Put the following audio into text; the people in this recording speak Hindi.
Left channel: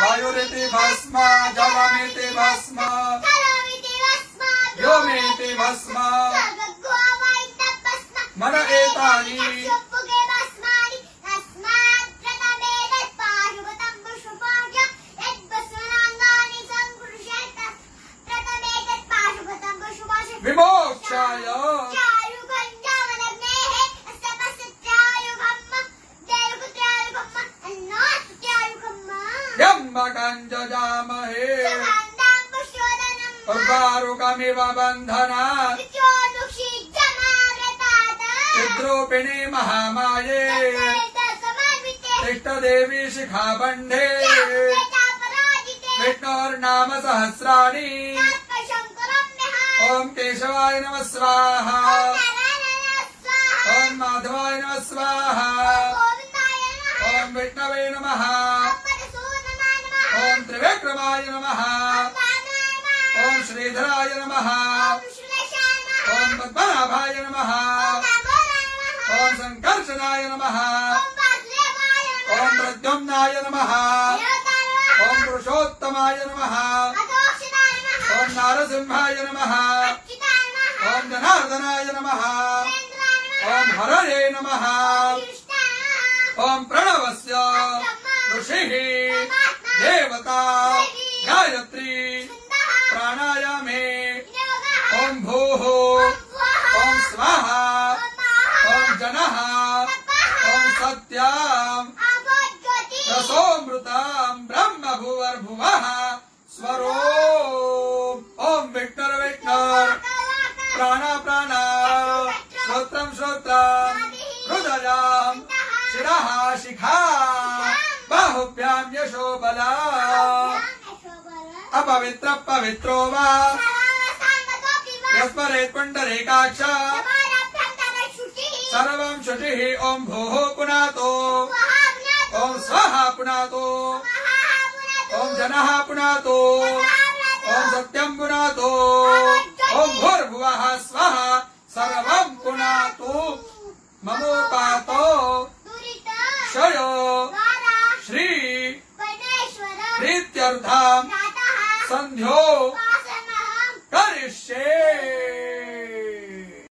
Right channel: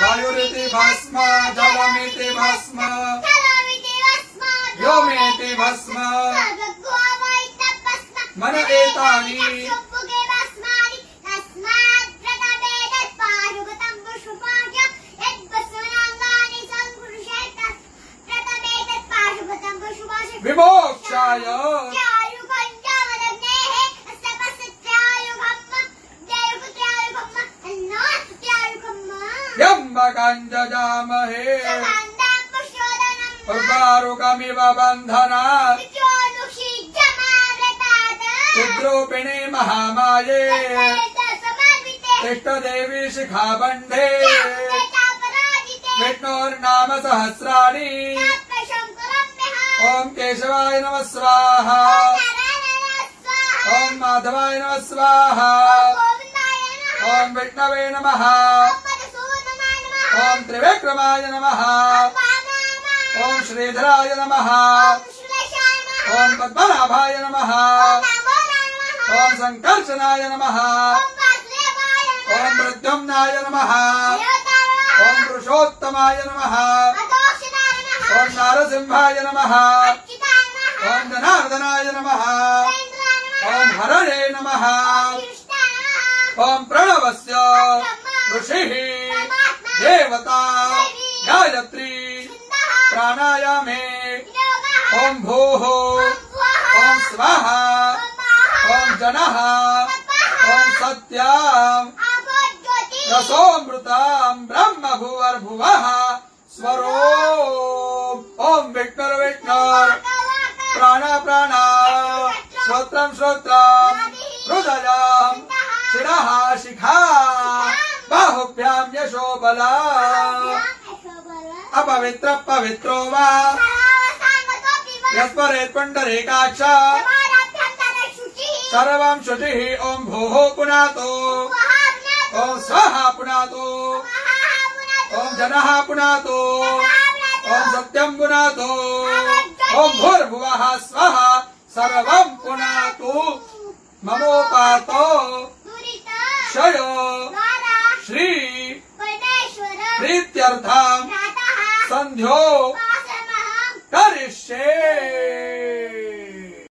वायुरिति भस्म जलमिति भस्म व्योमेति भस्म मन एतानि विमोक्षाय जजामहे उर्वारुकमिव बन्धनात् चिद्रूपिणी महामाये तिष्ठदेवी शिखाबन्धे विष्णोर्नाम सहस्राणि ओम केशवाय नमः स्वाहा ओम माधवाय नमः स्वाहा ओम विष्णवे नमः ओम त्रिविक्रमाय नमः ओम श्रीधराय नमः ओम पद्मनाभाय नमः ओम संकर्षणाय नमः ओम प्रद्युम्नाय नमः ओम पुरुषोत्तमाय नमः ओम नारसिंहाय नमः ओम जनार्दनाय नमः ओम हरणे नमः ओम प्रणवस्य ऋषिः देवता गायत्री प्राणायामे ओम भूः ओम स्वाहा ओम जनः ओम सत्याम् रसोऽमृताम् ब्रह्म भुवर्भुवः स्वरो ओम विष्णुर विष्णुर प्राण प्राण श्रोत्रम श्रोत्रम हृदयम शिरः शिखा बाहुभ्यां यशो बला अपवित्र पवित्रो वा यस्मरेत् पुण्डरीकाक्ष सर्वं शुचिः ओम भूः पुनातो ओम स्वाहा पुनातो ओम जनः पुनातो ओम सत्यं पुनातो ओम भूर्भुवः स्वः सर्वं पुनातु ममोपातो क्षयो श्री प्रीत्यर्थं संध्यो करिष्ये।